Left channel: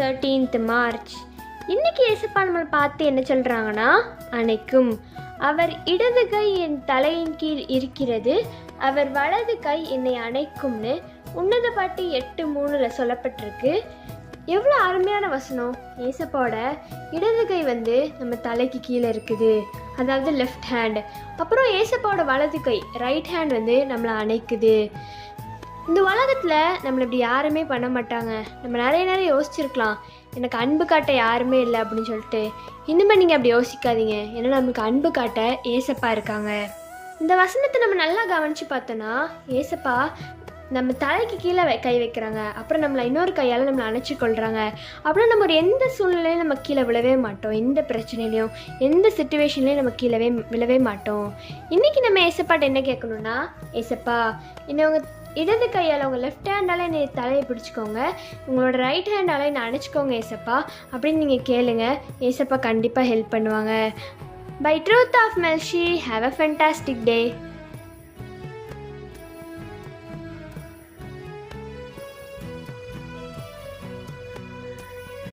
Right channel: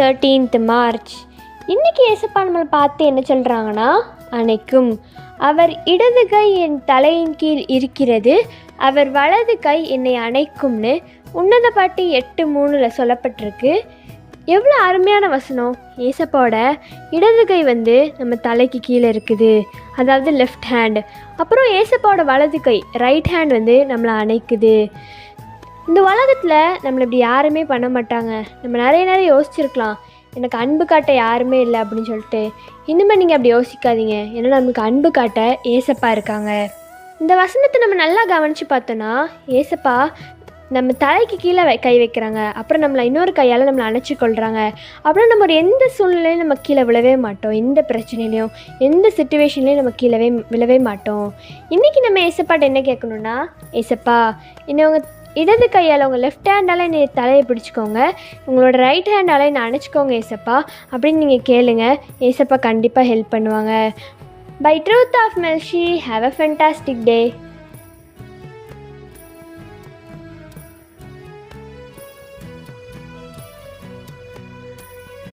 13th March. இன்றைக்கி ஏசப்பா நம்மளை பார்த்து என்ன சொல்கிறாங்கன்னா, அணைக்கும். அவர் இடது கை என் தலையின் கீழ் இருக்கிறது, அவர் வலது கை என்னை அணைக்கும்னு உன்னத பாட்டு 8:3 சொல்லப்பட்டிருக்கு. எவ்வளோ அருமையான வசனம். ஏசப்பாவோட இடது கை நம்ம தலைக்கு கீழே இருக்குது, அதாவது லெஃப்ட் ஹேண்ட். அப்புறம் ஏசப்பாவோட வலது கை ரைட் ஹேண்ட் நம்மளை அணைக்குது. இந்த உலகத்தில் நம்மளை இப்படி யாருமே பண்ண மாட்டாங்க. நம்ம நிறைய யோசிச்சிருக்கலாம், எனக்கு அன்பு காட்ட யாருமே இல்லை அப்படின்னு சொல்லிட்டு. இனிமேல் நீங்கள் அப்படி யோசிக்காதீங்க. ஏன்னா நம்மளுக்கு அன்பு காட்ட ஏசப்பா இருக்காங்க. இந்த வசனத்தை நம்ம நல்லா கவனித்து பார்த்தோன்னா, ஏசப்பா நம்ம தலைக்கு கீழே கை வைக்கிறாங்க, அப்புறம் நம்மளை இன்னொரு கையால் நம்மளை அணைச்சி கொள்கிறாங்க. அப்புறம் நம்ம எந்த சூழ்நிலையும் நம்ம கீழே விழவே மாட்டோம், எந்த பிரச்சனையிலையும் எந்த சிச்சுவேஷன்லேயும் நம்ம கீழே விழவே மாட்டோம். இன்றைக்கி நம்ம ஏசப்பாட்ட என்ன கேட்கணுன்னா, ஏசப்பா என்னை உங்கள் இடது கையால் உங்கள் லெஃப்ட் ஹேண்டால் என்னை தலையை பிடிச்சிக்கோங்க, உங்களோட ரைட் ஹேண்டால் என்னை அணைச்சிக்கோங்க ஏசப்பா அப்படின்னு நீங்கள் கேளுங்க. ஏசப்பா கண்டிப்பாக ஹெல்ப் பண்ணுவாங்க. By truth of mercy, have a fantastic day.